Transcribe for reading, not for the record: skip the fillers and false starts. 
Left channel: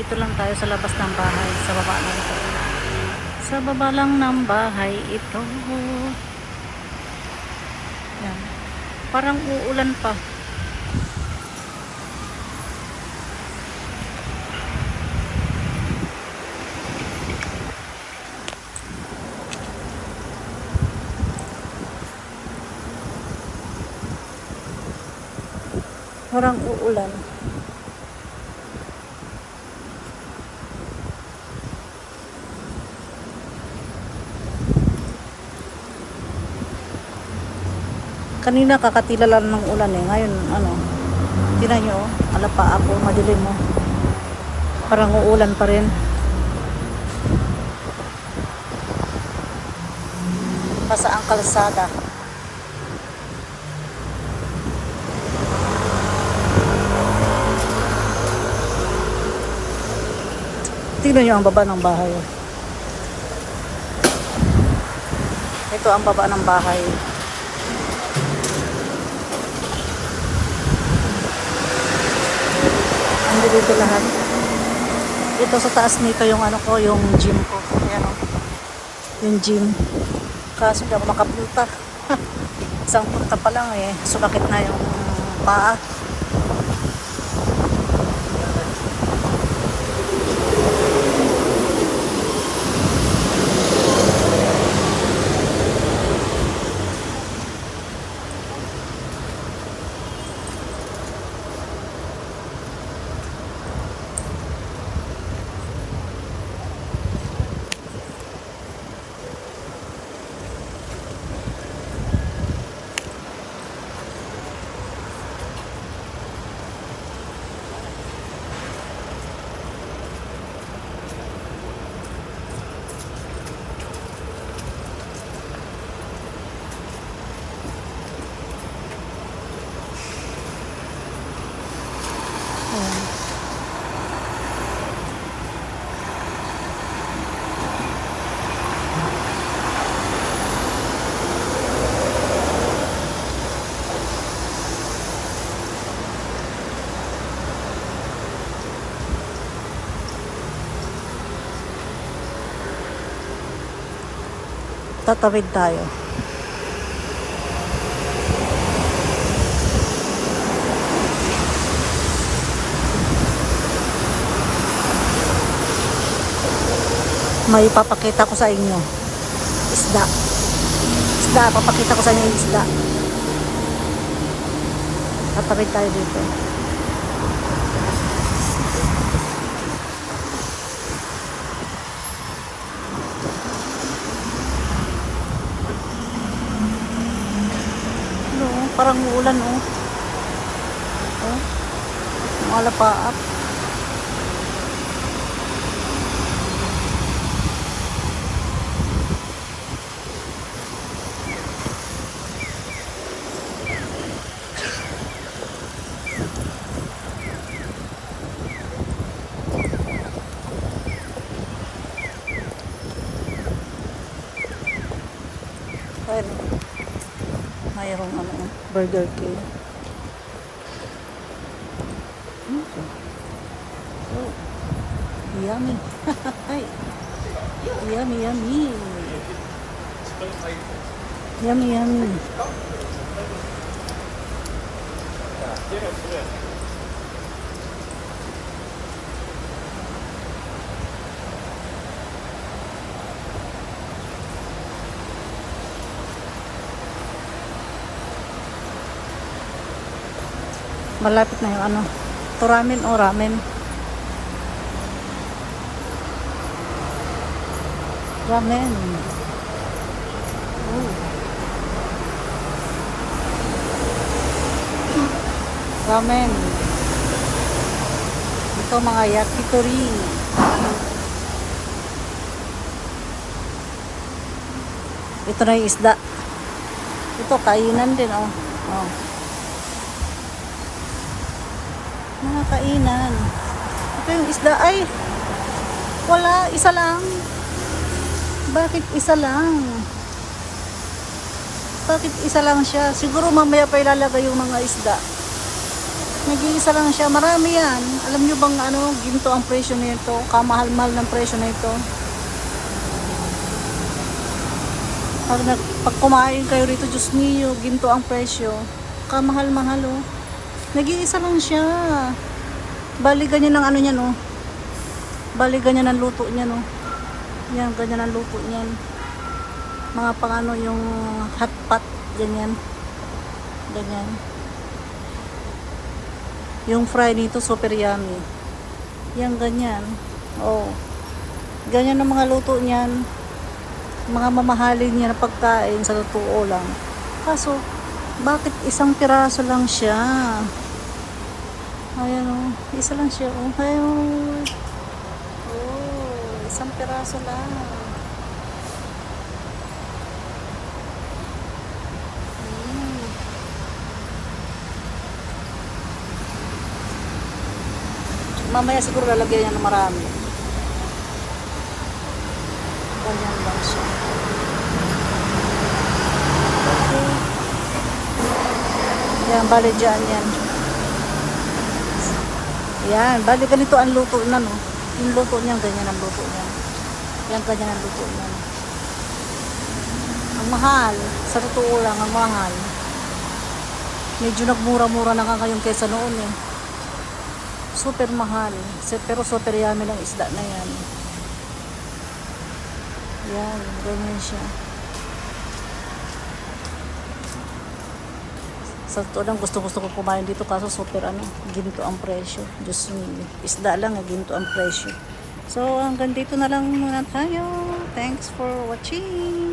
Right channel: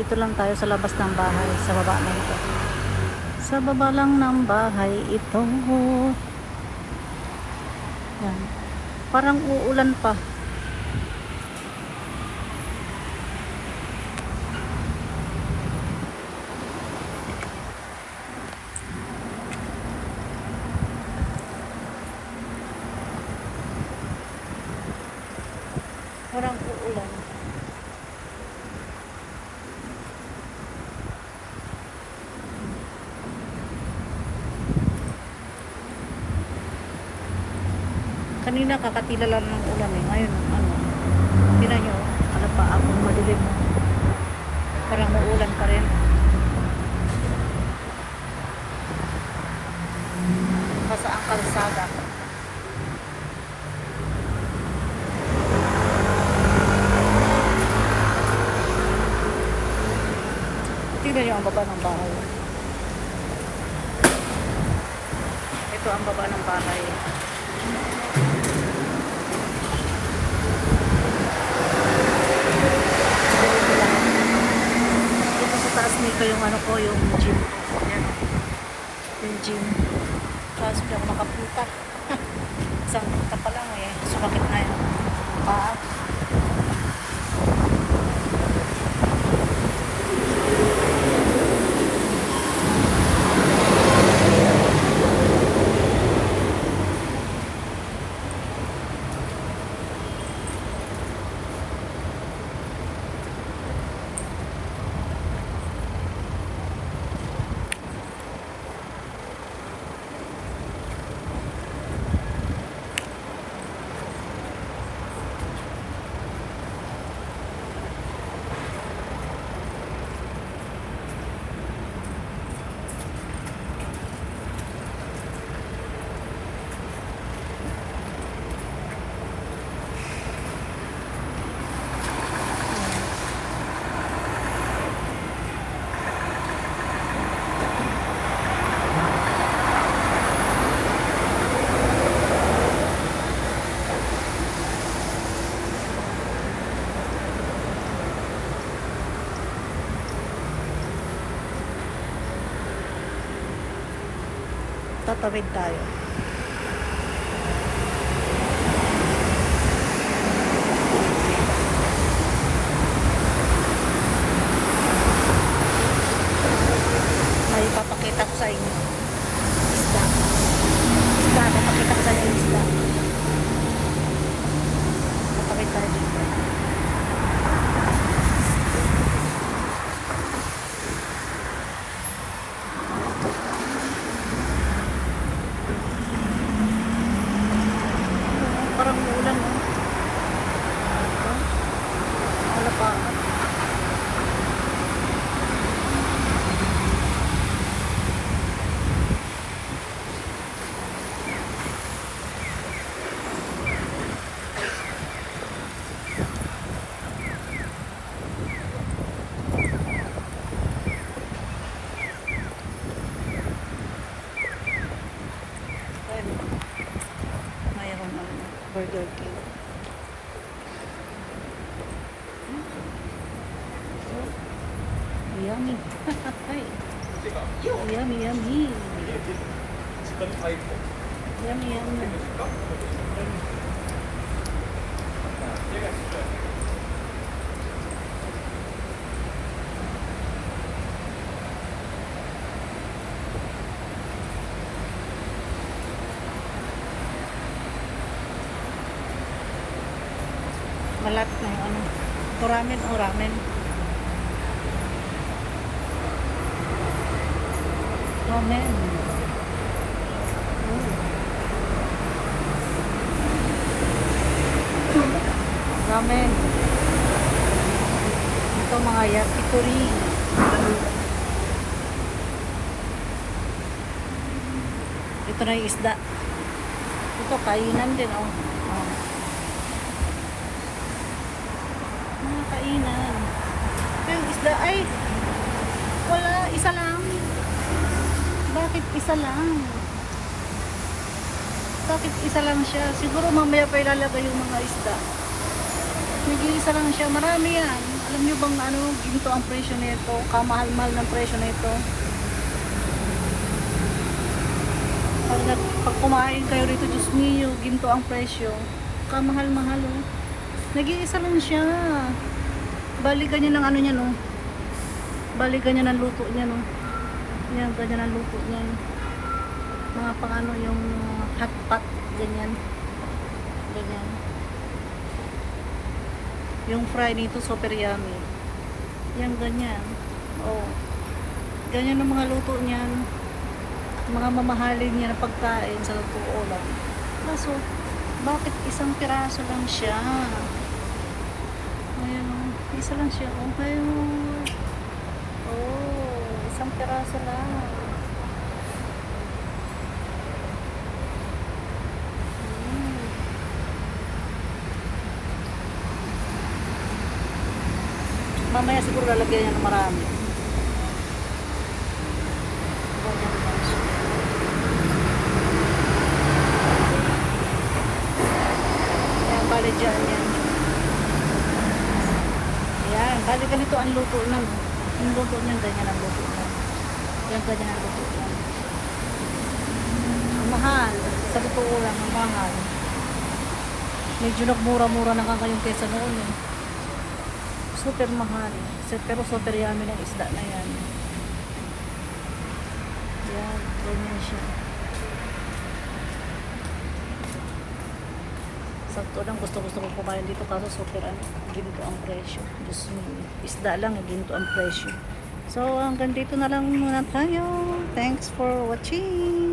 Dito lang tayo sa labas ng bahay. Sa baba lang to. Sa baba lang ng bahay ito. Yan. Parang uulan pa. Parang uulan. Kanina kakatila lang ng ulan eh. Ngayon, ano, tingnan nyo, alapaa po, madilim mo. Parang uulan pa rin. Basa ang kalsada. Tingnan nyo ang baba ng bahay. Ito ang baba ng bahay. Ando dito lahat. Ito sa taas nito yung ano ko, yung gym ko. Ayan o. Yung gym. Kaso di ako makapunta. Isang punta pa lang eh. Sumakit na yung paa. Tatawid tayo. May papakita ko sa inyo. Isda. Isda. Papakita ko sa inyo yung isda. Tatawid tayo dito. Parang uulan oh. Oh. Mga lapaat. Ayan. Mayroong ano, Burger King. Oh, yummy. Yummy, yummy. Yummy, yummy. Malapit na yung ano, to ramen o ramen. Ramen. Oh. Ramen. Ito mga yakitori. Ito na yung isda. Ito kainan din oh. Oh. Mga kainan. Ito yung isda ay wala, isa lang. Bakit isa lang? Bakit isa lang siya? Siguro mamaya pa ilalagay yung mga isda. Nag-iisa lang siya. Marami yan. Alam nyo bang ano, ginto ang presyo nito? Kamahal-mahal ng presyo nito. Pag kumain kayo rito, Diyos mio, ginto ang presyo. Kamahal-mahal oh. Nag-iisa lang siya. Bali ganyan ang ano niya no. Bali ganyan ang luto niya no. Yan, ganyan ang luto niyan. Mga pang ano yung hot pot, ganyan. Ganyan. Yung fry dito super yummy. Yan ganyan. Oh. Ganyan ang mga luto niyan. Mga mamahalin niya na pagkain sa totoo lang. Kaso, bakit isang piraso lang siya? Ayan oh. Isa lang siya oh. Ayun. Oh, isang piraso lang. Mamaya siguro lalagyan niya ng marami. Ganyan lang siya. Yan, bali dyan yan. Yan, bali ganito ang luto na no. Yung luto niyan, ganyan ang luto niyan. Yan, ganyan ang luto niyan. Ang mahal. Sa totoo lang, ang mahal. Medyo nagmura-mura na ka ngayon kaysa noon eh. Super mahal. Pero super yummy ng isda na yan. Yan, ganyan siya. Sa totoo lang, gusto-gusto ko kumain dito kaso super ano, ginto ang presyo. Diyos me, isda lang, ginto ang presyo. So, hanggang dito na lang muna tayo. Thanks for watching.